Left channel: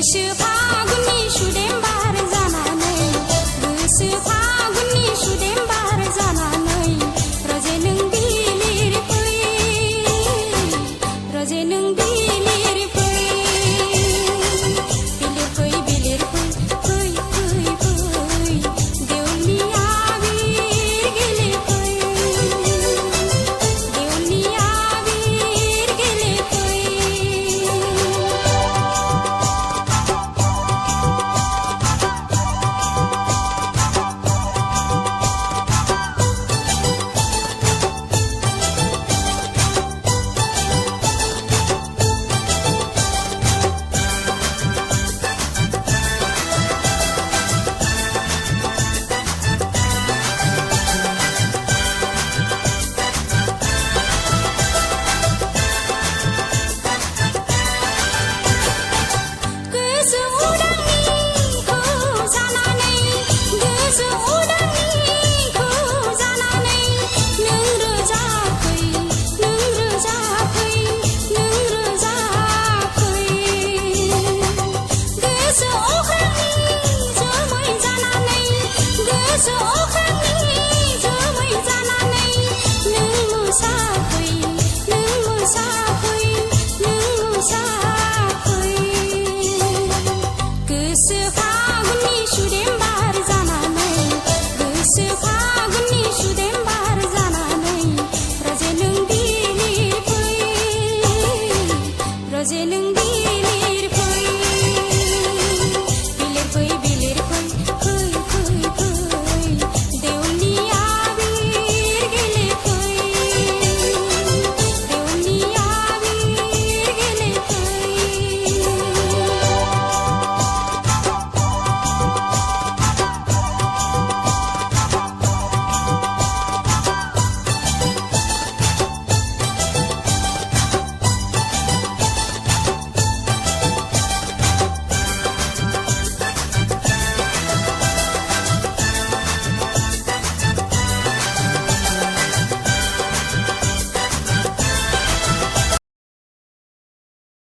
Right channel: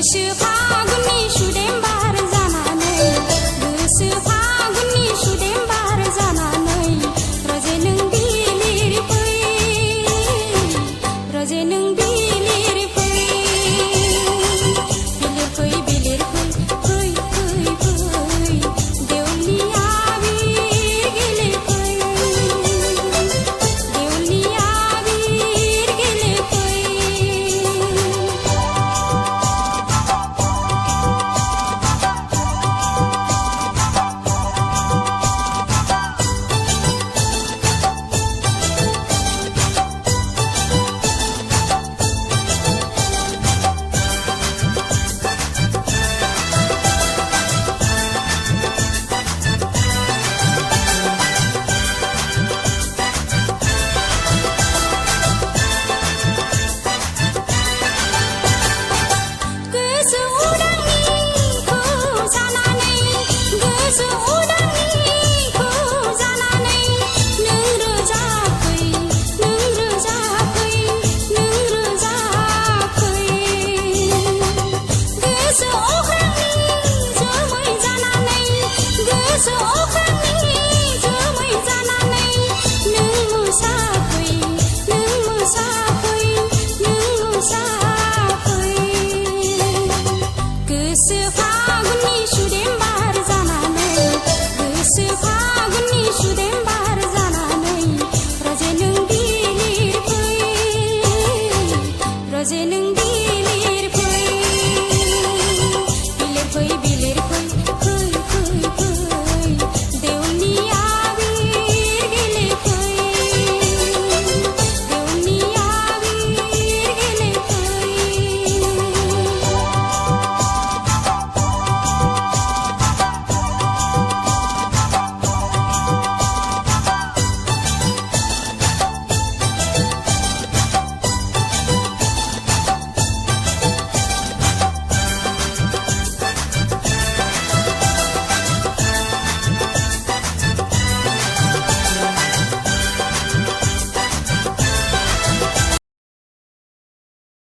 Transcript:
गोसो फागुननि सुदेम बार जानानै गोसो फागुननि सुदेम बार जानानै रजे नों बिलिर फै रजे नों बिलिर फै बिलिर फै फै फै फै देवलनि आबिर गेले फै देवलनि आबिर गेले फै गोसो उदांनिखौ जानानै गोसो उदांनिखौ जानानै नों रोजा फै नों रोजा फै नों रोजा फै गोसो अख्रांनि जोमै जानानै गोसो अख्रांनि जोमै जानानै नों मोसाफै नों मोसाफै नों मोसाफै गोसो फागुननि सुदेम बार जानानै गोसो फागुननि सुदेम बार जानानै रजे नों बिलिर फै रजे नों